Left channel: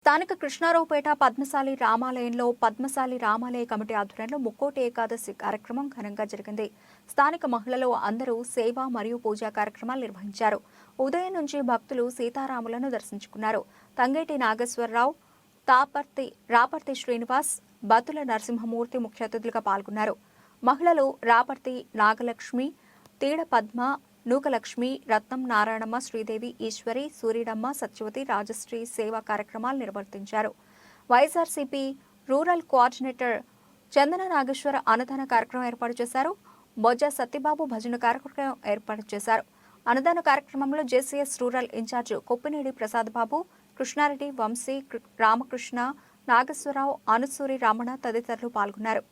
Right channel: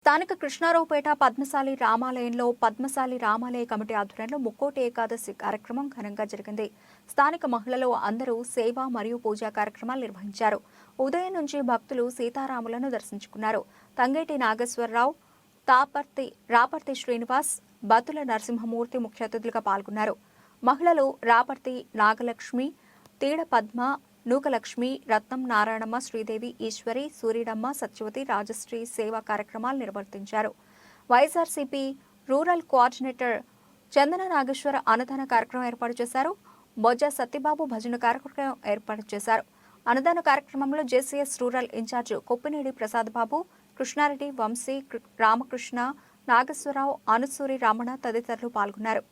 స్థానిక కృష్ణారావుపేట పద్మశాలి రామాలయంలో పద్మశాలి రామాలయ కమిటీ ఆధ్వర్యంలో ముక్కోటి ఏకాదశి కార్యక్రమం ఘనంగా జరిగింది. స్థానిక మహిళలు అందరూ సేవ మరియు పూజా కార్యక్రమాలు నిర్వహించారు. ఉదయం నుంచి భక్తులు సీతారాములను దర్శించుకున్నారు. తంగేటి నాగేశ్వరరావు, రాపర్తి శ్రీనివాస్, బతుల నరసింహమూర్తి ముఖ్య అతిథులుగా పాల్గొన్నారు. మహిళలు రాపర్తి నాగలక్ష్మి, తీడ పద్మ, నూకలక్ష్మి, రత్నం, నారాయణమ్మ, శ్రీదేవి, ఈశ్వరి, సూర్యుడమ్మ, సత్యవతి, రాజశ్రీ సేవా కార్యక్రమాలు నిర్వర్తించారు. వైఎస్ఆర్సీపీ రూరల్ కోఆర్డినేటర్ చందన నాగేశ్వర అన్నదాన కార్యక్రమం ఏర్పాటు చేశారు. బొజ్జ సత్యబాబు భజన కార్యక్రమం ఏర్పాటు చేశారు. అన్నదాన కార్యక్రమంలో JCS rural incharge కొప్పినేడి Prasad Babu, Krishna Reddy, Vamsi, Ramakrishna, Nageswararao, Anusuri, Ramana తదితరులు పాల్గొన్నారు.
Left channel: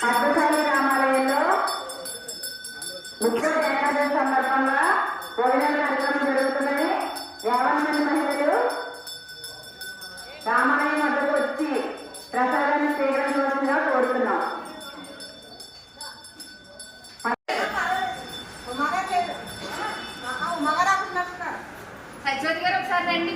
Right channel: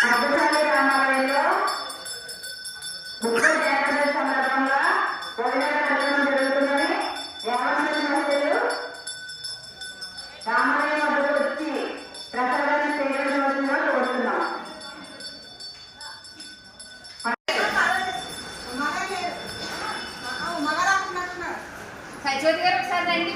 పద్మశాలి రామాలయంలో ముక్కోటి ఏకాదశి సందర్భంగా భోజనాల కార్యక్రమం జరుగుతుందని 50 మంది మహిళలు రామాలయం వద్దకు వచ్చి ప్రసాదాన్ని స్వీకరించవలసిందిగా కోరుతున్నాం. సత్యవతి గారు ఒకసారి రండి.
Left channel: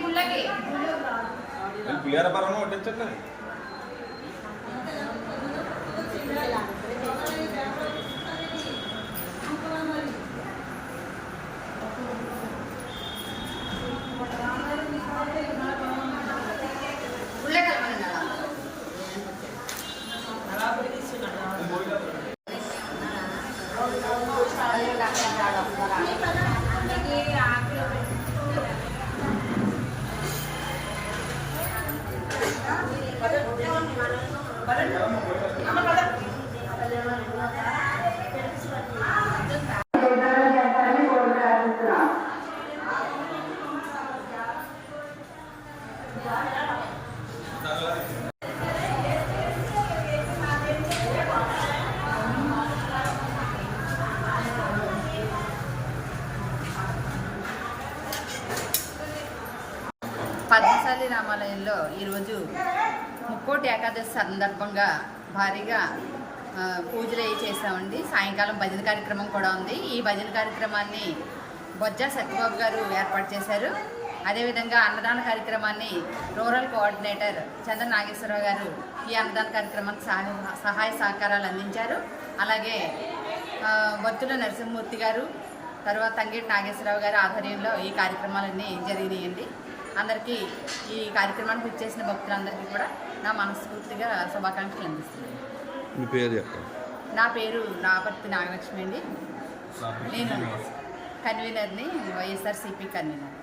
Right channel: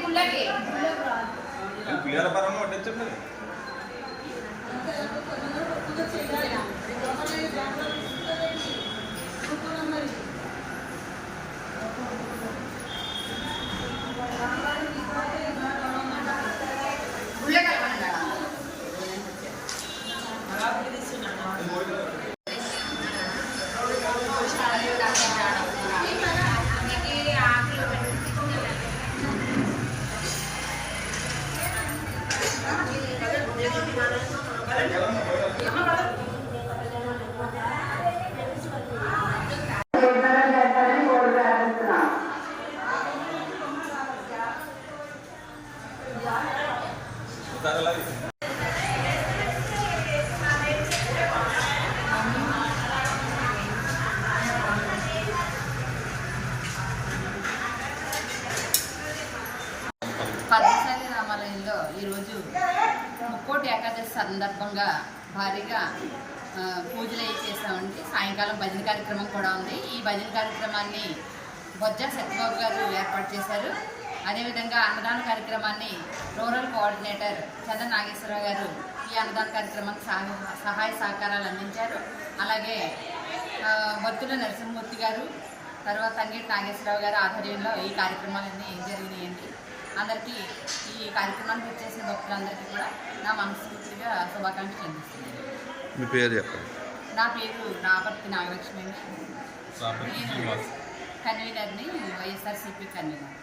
పద్మశాలి రామాలయంలో ఈరోజు ముక్కోటి ఏకాదశి సందర్భంగా భారీగా పూజలు చేసామండి. సాయంకాలం భజన కార్యక్రమం కూడా ఉంది. ఈ భజన కార్యక్రమాన్ని బొజ్జ సత్యబాబు గారు ఏర్పాటు చేశారు. అదేవిధంగా అన్నదాన కార్యక్రమాన్ని రూరల్ కోఆర్డినేటర్ చందన నాగేశ్వరరావు గారు ఈ అన్నదాన కార్యక్రమానికి సహాయ సహకారాలు అందించారు. అలాగే బతుల నరసింహమూర్తి గారు, తర్వాత తంగేటి నాగేశ్వరరావు గారి ఆధ్వర్యంలో ఈ కార్యక్రమాలన్నీ జరిగినాయండి. అందరికీ ఈ కార్యక్రమానికి వచ్చేసిన భక్తులందరికీ కూడా నా మనస్ఫూర్తిగా శుభాకాంక్షలు అందిస్తుంది. మీ పేరు చెప్పండి. నా పేరు రాపర్తి నాగలక్ష్మి అండి. నేను కన్వీనర్ని, వైఎస్ఆర్సీపీ కన్వీనర్.